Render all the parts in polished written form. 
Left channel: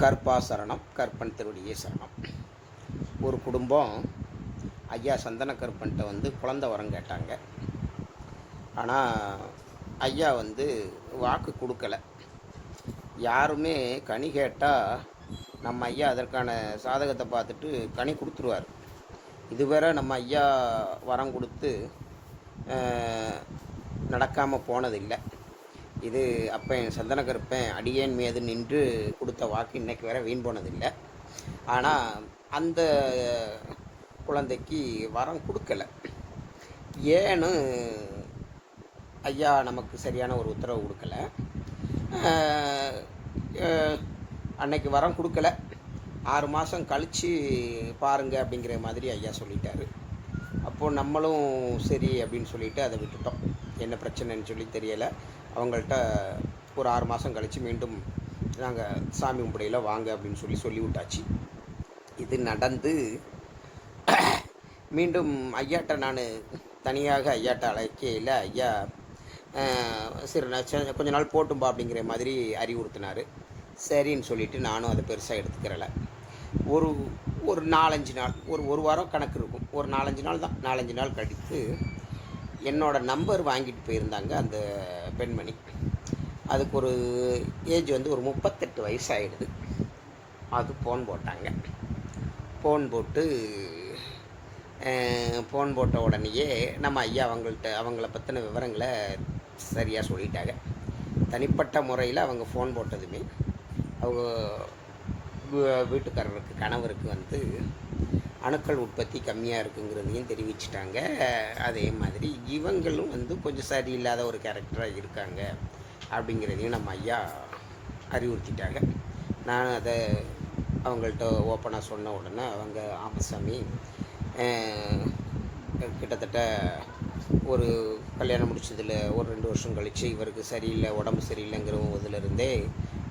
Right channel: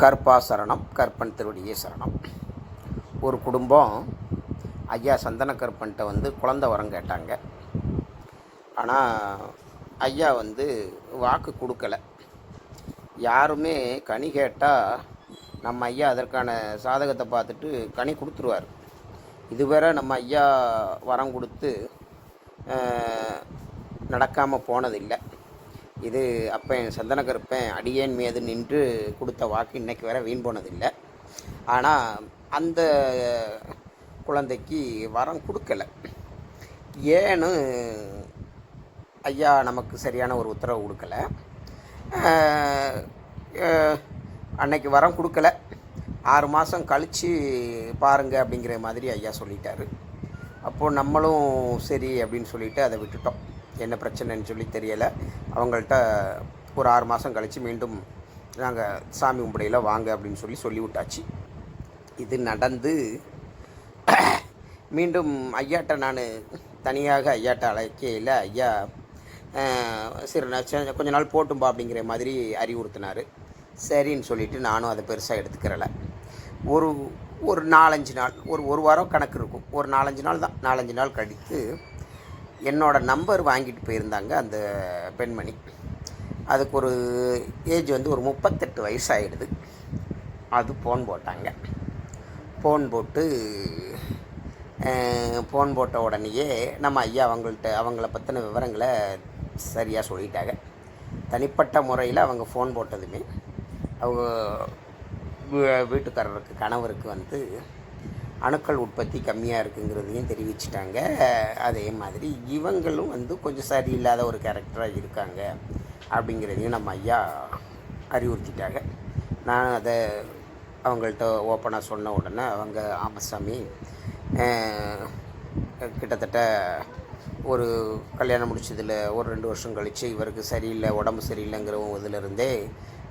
கற்பா சரணம், கற்பன் திருவடியே சரணம். ஒரு குடும்பம் ஐயா சந்தன கற்பன்ட்ட குழந்த வரம் கேட்டாங்க. ஆனால் ஐயா வாக்கு கொடுக்கல. யாருமே கனி கேட்டால் நம்ம ஐயா அதற்கான சாதகத்தை பார்த்துட்டு கனி கொடுத்துருவார். இதுவரை நம்ம ஐயா வரம் கொடுத்து நடக்காமல் போனதில்லை. இது அப்பன் சந்தன கருப்பன் அடியேன் மீது நின்று கொடுத்த வாக்கு இன்றைக்கு வரை வீண் போனதில்லை. ஆனால் அந்த குழந்தைக்கு வரம் கொடுக்கல. ஏன்னு ஐயா நமக்கு சரியான ஒரு உத்தரவு கொடுக்கல. அன்னைக்கு வரம் கொடுக்கல, 6 மாதம் கழித்து பாருங்க அப்படிங்கிற மாதிரி ஐயா சொல்லிட்டாரு. அப்போது நம்மளும் சரி அப்படின்னு சொல்லிவிட்டு அதை விட்டுட்டோம். என்ன பிரச்சனைன்னு சொல்லி தெரியலை. அவங்கள்ட்ட ஒரு 6 மாதம் கழித்து மீண்டும் நாங்கள் சாமி கும்பிடையில் வாங்க அப்படின்னு சொல்லி விட்டாச்சு. இது நடந்து மீண்டும் ஐயாட்ட நான் தனியாக ஐயாட்ட அழைக்கையில் ஐயா சரி கொஞ்ச நாள் போட்டும்பா அப்படிங்கிற மாதிரி அறிவுறுத்தினார். சரின்னு சொல்லிவிட்டு நானும் அதை பெருசாக எடுத்துக்கிறல. ஒரு 4-5 நாள், ஒரு வாரம் கணக்கு இருக்கும். ஒரு 4-5 நாள் தான். 4-5 நாள் கழித்து என்னோடய நம்பர் வாங்கிட்டு போயிருந்தாங்க அந்த பெண்மணி. அதுக்கு ஒரு ஏஜ் ஒரு 38 வயசு ஆகிடுது. அது ஃபோன் போட்டாங்க. ஃபோன் போட்ட உடனேயே நம்ம ஐயா அவங்கள பற்றின விவரங்களை சரியாக சொல்லிட்டாங்க. தனிப்பட்ட முறையில் அவங்க ஃபோன் போட்டதுமே அவங்க வீட்டுக்காரருக்கு கணவருக்கு அணுக்கள் உற்பத்தி கம்மியாக இருக்குங்கிறதையும் தெரிவிச்சிட்டாங்க. அதே மாதிரி இவங்களும் கொஞ்சம் சரியில்லாத ஒரு கேரக்டராக இருக்காங்க அப்படிங்கிறதையும் நம்ம ஐயா அறிவுறுத்திட்டாங்க. நான் அதை அவங்கள்ட்ட ஓப்பனாக சொன்ன உடனே அவங்க ஆமசாமி கிட்டத்தட்ட ஒரு கல்யாணம் முடிச்சதில் ஒரு 2 வருஷம் கழித்து இவருக்கு சரியில்லை, உடம்பு சரியில்லைங்கிற இதிலிருந்தே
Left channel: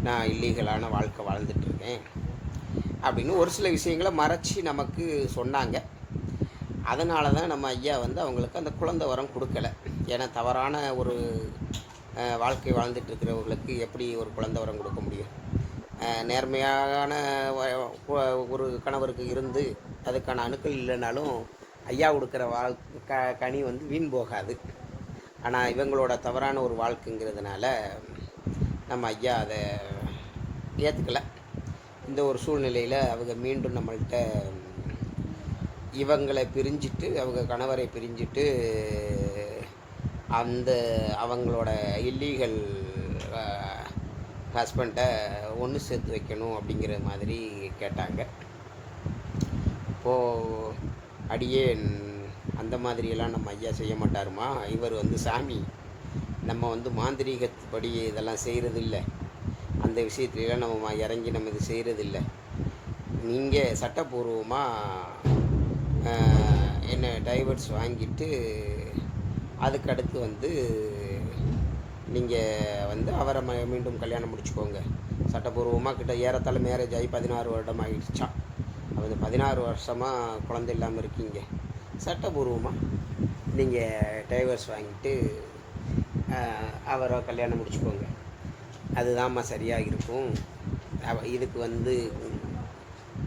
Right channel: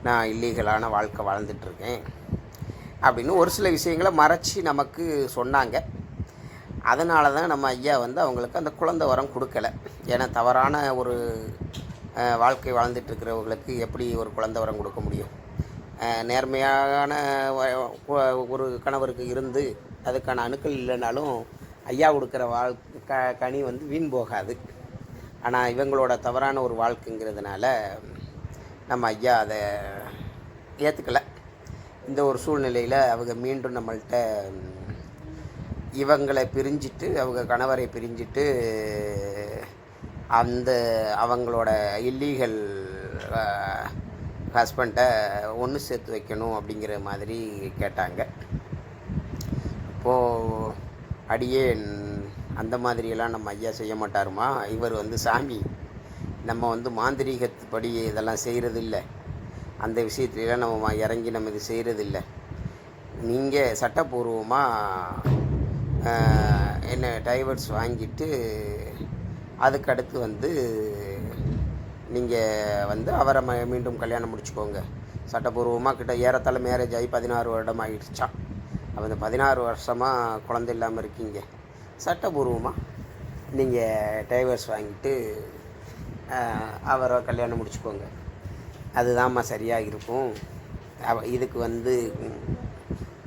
நான் இல்லீகலான வாழ்க்கை வாழ்ந்துட்டுருக்கேன் அப்படின்னு ஒரு சில விஷயங்களை மறைச்சி நமக்கு சொன்னாங்க. அதனால தான் நம்ம ஐயா அவங்களுக்கு அந்த குழந்தை வரம் கொடுக்கல. ஏன்னா தவறான ஒரு வாழ்க்கை வாழ்ந்துட்டுருக்கிறவங்களுக்கு எப்படி ஒரு குழந்தை வரம் கொடுக்க முடியும்? நேர்மையான ஒரு கணவருக்கு இருந்து அதுக்கான அணுக்கள் இல்லைனாலும் ஐயா கொடுக்குற கனி வீண் போகாது. ஆனால் இவங்களோட தவறான ஒரு வாழ்க்கைங்கிறதுனால நம்ம ஐயா அதை ஏற்றுக்கலை. இந்த ஒரு சூழ்நிலையில் அவங்க மீண்டும் நம்மள்கிட்ட இவங்களை பிரிஞ்சிட்டு, அவங்க கணவரை பிரிஞ்சிட்டு அவங்களோட இல்லீகல் ஹஸ்பண்டை ஒன்று சேர்த்து வைக்கணும் அப்படிங்கிற மாதிரி கேட்டாங்க. அப்போது அடியே அந்த மாதிரியெல்லாம் நம்ம ஐயா செய்ய மாட்டாருமா. இவர் சாமி, நம்ம மாந்திரீகப்படி இதெல்லாம் செய்கிறதில்ல. அந்த விஷயத்துலாம் நம்ம இறங்கி நம்ம இது செய்கிறதில்ல. நீங்கள் சட்டப்பூர்வமாக என்ன டைவர்ஸ் வாங்கிட்டு அதுக்கடுத்து நீங்கள் அவரை மீண்டும் கல்யாணம் முடிச்சுக்கோங்க. சட்டப்பூர்வமாக ஏறத்தாழ மேரேஜ் ஆகி 16 வருடம் ஆகிடுச்சான். அந்த 16 வருஷமாக குழந்தை இல்லாமல் இருக்கீங்க. சட்டப்பூர்வமாக நீங்கள் டைவர்ஸ் வாங்கிட்டு அவரை கல்யாணம் முடிச்சுக்கோங்க. அதுதான்மா சரியாக இருக்கும். இதுக்கு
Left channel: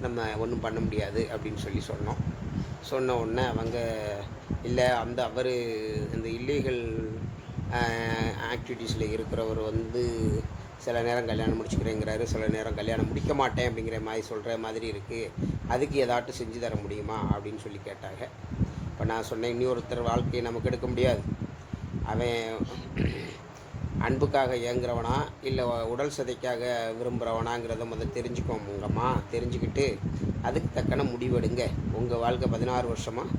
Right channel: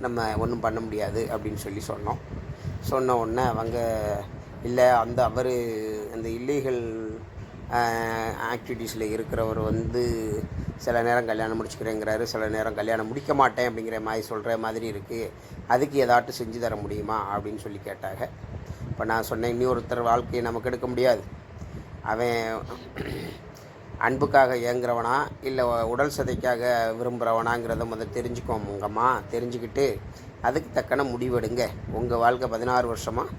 நம்ம ஒன்றும் பண்ண முடியாது அப்படின்னு சொன்ன உடனே அவங்க இல்லை, அவர் அந்த இல்லீகல் ஆக்டிவிட்டீஸில் இருக்கிறவர் சில நேரம் கல்யாணம் முடிச்சுக்கிறேங்கிறாரு, சில நேரம் கல்யாணம் முடிக்க மாட்டேன் அப்படிங்கிற மாதிரி சொல்கிற மாதிரி இருக்குது. அதுக்கு ஏதாட்டும் செஞ்சு தர முடியுமா அப்படின்னு சொல்லி கேட்டாங்க. இப்போ நான் சொன்னேன், இன்னொருத்தர் வாழ்க்கையை நமக்கு எடுக்க முடியாது. அவன் அன்புக்காக ஏங்குறவனா இல்லை உடல் சதைக்காக விரும்புகிறவனாங்கிறத தெரிஞ்சுக்கோங்கம்மா. தெரிஞ்சுக்கிட்டு அதுக்கு தக்கன முடிவெடுங்க. உங்கள் வாழ்க்கை 16 வருஷமாக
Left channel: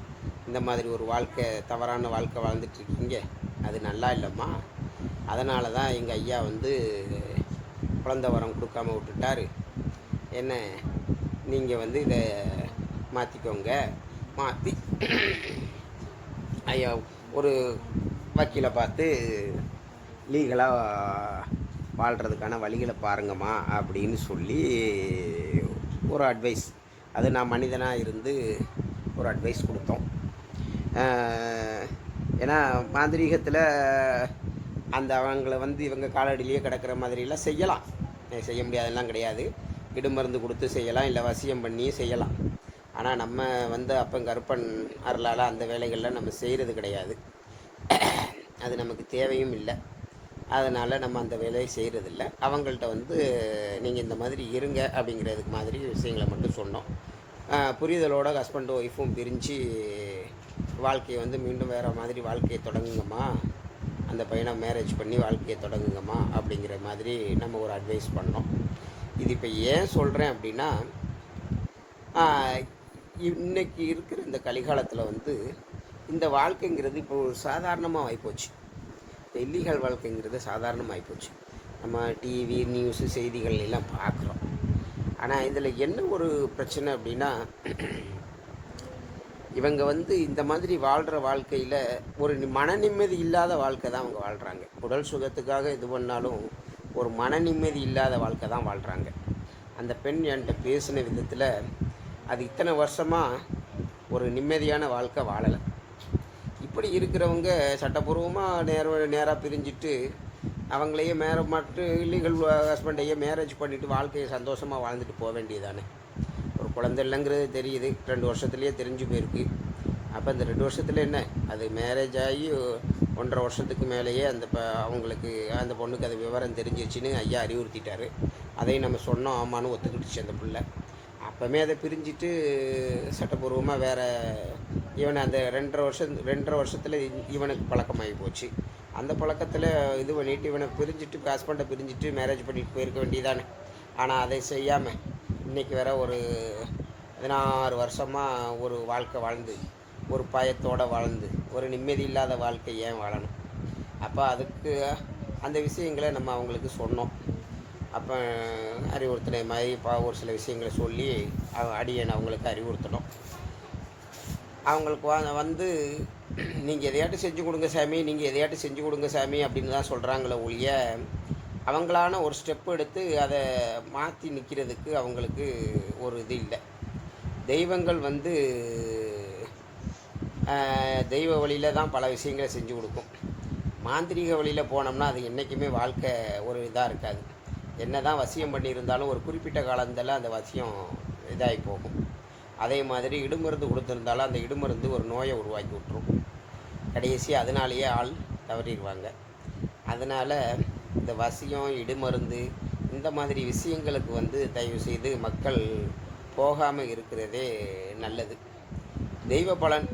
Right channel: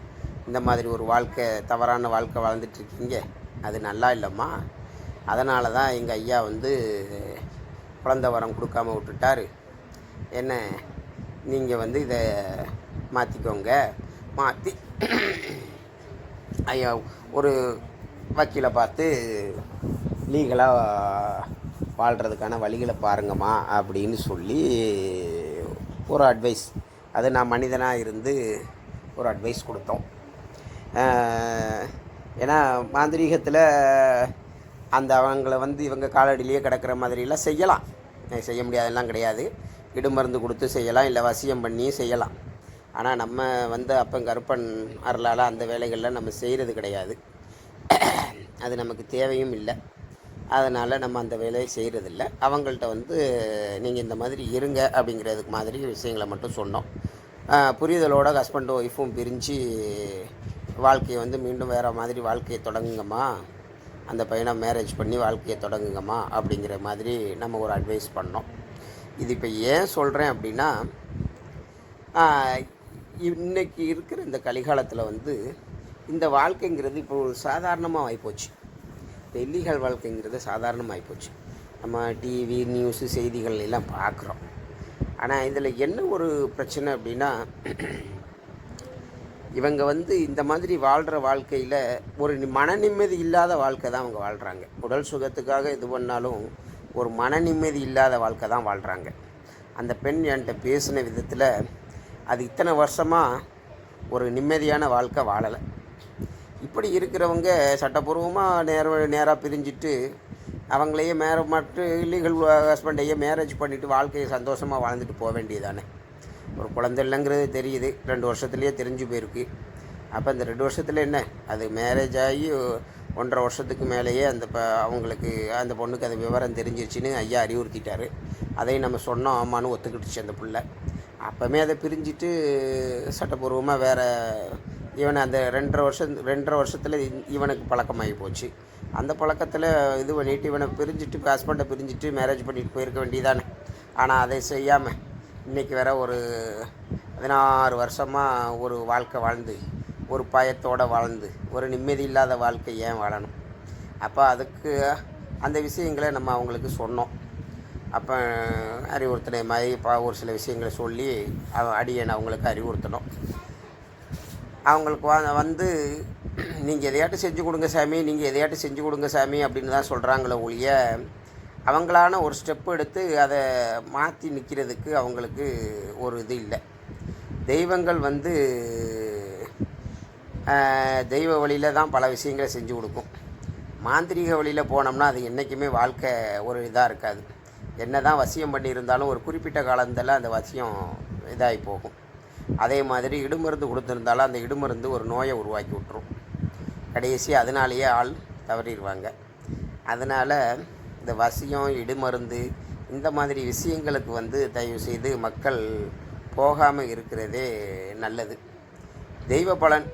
இந்த மாதிரி ஒரு வாழ்க்கை, தவறான வாழ்க்கை வாழ்ந்துட்டுருக்கீங்க. அது நல்லா இல்லைம்மா. அதனால தான் எங்கள் ஐயா குழந்தை வரம் கொடுக்காம விட்டுட்டார். என்ன நீங்கள் இதை மாற்றிக்கோங்க. மாற்றி ஐயா ஒரு வக்கீலை பார்த்து லீகலாக வாழ்கிறதுக்கான வழிகளை பாருங்கம்மா அப்படின்னு சொல்லி ஒரு அட்வைஸ், அது நான் மனிதனாக இருந்து ஒரு அட்வைஸ் கொடுத்தோம். ஏன்னா மாந்திரீகத்தில் அவங்கள இவங்க காலடியிலேயே கிடக்கிற மாதிரிலாம் செய்யலாம், செய்ய முடியாதெல்லாம் கிடையாது. இடுமருந்து கொடுத்து செய்யலாம், இல்லை வசியம் பண்ணியும் செய்யலாம். ஆனால் நம்ம வந்து அப்பன் கருப்பன் அருளால் அந்த வேலைகள்லாம் நம்ம செய்கிறது கிடையாது. அது நமக்கு தேவையும் இல்லை. அதனால் நம்ம அந்த வேலையை செய்கிறதில்ல. அவங்கள்ட்ட வந்து நீங்கள் இந்த மாதிரி இருங்க அப்படிங்கிறதுக்கு மாதிரி விஷயங்களை மட்டும் சொன்னோம். புரிதலோட ஹஸ்பண்டும் ஒய்ஃபும் பிரிஞ்சு வாழ்க்கையை வந்து மீண்டும் வேறு மாதிரி வாழ்க்கையை தொடங்குங்கம்மா, அந்த பையனை மேரேஜ் பண்ணி வாழ்க்கையை தொடங்குங்கம்மா அப்படிங்கிற மாதிரி நம்ம ஒரு அட்வைஸ் பண்ணோம். இது இப்போ ஏன் சொல்கிறேன் அப்படின்னா, இன்றைக்கி இருக்கிற இந்த கலிகாலத்தில் வந்து இந்த வாழ்க்கைங்கிறது இப்போ சாதாரணமாக ஆகிப்போச்சு. இல்லீகல் வாழ்க்கைங்கிறது சாதாரணமாக ஆகிப்போச்சு. நம்ம டிவி நியூஸு செய்திகள் எல்லாம் பார்க்குறோம். ஆனால் இதில் என்ன ஒரு பிரச்சனை அப்படின்னா, இவங்க வந்து இந்த மாதிரி வாழ்கிற வாழ்க்கையில் ஒரு மன நிம்மதி இல்லாத வாழ்க்கை தான் அவங்க வாழ்கிறாங்க. உடல் சுகத்துக்காக இது பண்ணாலும் ஒரு மன நிம்மதி இல்லாத வாழ்க்கை தான் வாழ்கிறாங்க. அந்த பெண் என்கிட்ட பேசின விதத்தில் அது இத்தனை வருஷமாக ஒரு நிம்மதியான வாழ்க்கை வாழலை. இப்படி இருக்கிறவங்க சட்டப்பூர்வமாக நேராக பிரிஞ்சுட்டு அவங்களையே மட்டும் இல்லீகல் ஹஸ்பண்டையே மேரேஜ் பண்ணிவிட்டு வாழ்க்கையை சந்தோஷமாக வாழ்ந்துட்டு போக வேண்டியதானே. ஒரு குழந்தை இல்லைங்கிறது தெரியுது, 2 வருஷத்துலேயே தெரிஞ்சு போயிருக்கு. அப்போ இந்த 2 வருஷத்தில் என்ன, அது மேரேஜ் ஆகி 1.5 வருஷத்துக்கு மேலேயே அவங்களுக்கு அந்த பொண்ணுக்கு அது விவரம் தெரிஞ்சிருச்சுன்னு ஐயா அறிவுறுத்திட்டார். அதையும் நம்ம சொன்னோம், ஆமான்னு ஒத்துக்கிட்டுச்சு அந்த பிள்ளை. அப்போமே அதை பிரிஞ்சுட்டு சட்டப்பூர்வமாக வேறு இவனை அந்த 2.5 வருஷத்தில் இவனுக்கு பழக்கமாகி போச்சு. அந்த பழக்கத்தில் இது பண்ணிவிட்டு இவனை பிரிஞ்சுட்டு ஹஸ்பண்டை பிரிஞ்சுட்டு மேரேஜ் பண்ணிட்டு போயிருக்க வேண்டியதானே. ஆனால் அதை செய்யாமல் இன்றைக்கி வேற ஒரு 16 வருஷமாக ஒரு வாழ்க்கை வாழ்ந்து ஒரு பயத்தோடு வாழ்ந்து ஒரு நிம்மதி இல்லாத வாழ்க்கை ஏன் வாழணும்? அப்போ அதுக்கு அந்த விஷயங்களை நம்ம அவங்களுக்கு சொன்னோம். அப்போ அறிவுறுத்தின மாதிரி ஒரு சில விஷயங்களை சொல்லி அடியேன் அவங்களுக்கு அறிவுறுத்தணும். அவங்களுக்கு வந்து நீங்கள் எதையாட்டும் செஞ்சு கொடுங்க சாமி, நீங்கள் எதையாட்டும் செஞ்சு கொடுங்க சாமி அப்படின்னு தான் சொல்கிறாங்களே ஒழிய, அவங்களான ஒரு ஸ்டெப்பு எடுத்து அதை மாற்றி நிற்கிறதுக்கு அவங்களுக்கு ஒரு இது இல்லை. தெய்வங்கள் வந்து தெய்வ வழியில் தான் பல விஷயங்களை செஞ்சு கொடுக்கும். மாந்திரீக வழியில் போனோம்னா அது என்றைக்குமே வாழ்க்கை ஒரு இதாக இருக்காது. என்ன தான் வசியம் பண்ணியிருந்தாலும் ஒரு குறிப்பிட்ட காலத்தில் அந்த வசியம் இதாகி போகும். அதே மாதிரி இடுமருந்து கொடுத்துருந்தாலும் அந்த இடுமருந்து ஒரு நோயை உருவாக்கி விட்டுரும். கடைசி அதனாலேயே ஆள் தவறிடுவாங்க. அதனால் இந்த வசியம் இடுமருந்து இந்த மாதிரி விஷயங்களுக்கு வந்து தயவு செய்து மக்கள் போகாமல் இருக்கிறதே நல்லது. தெய்வ பலன்,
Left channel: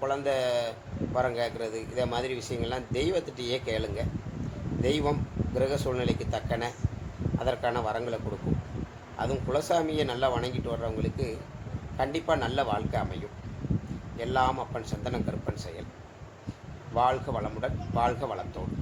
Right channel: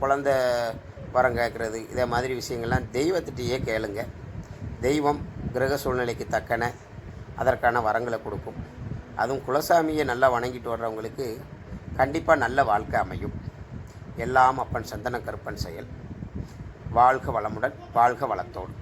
குழந்த வரம் கேட்குறது, இதை மாதிரி விஷயங்கள்லாம் தெய்வத்திட்டையே கேளுங்க. தெய்வம் கிரக சூழ்நிலைக்கு தக்கன அதற்கான வரங்களை கொடுக்கும். அதுவும் குலசாமியை நல்லா வணங்கிட்டு வர்றவங்களுக்கு கண்டிப்பாக நல்ல வாழ்க்கை அமையும். எல்லாம் அப்பன் சந்தன கருப்பன் செயல். வாழ்க வளமுடன், வாழ்க வளத்தோடு.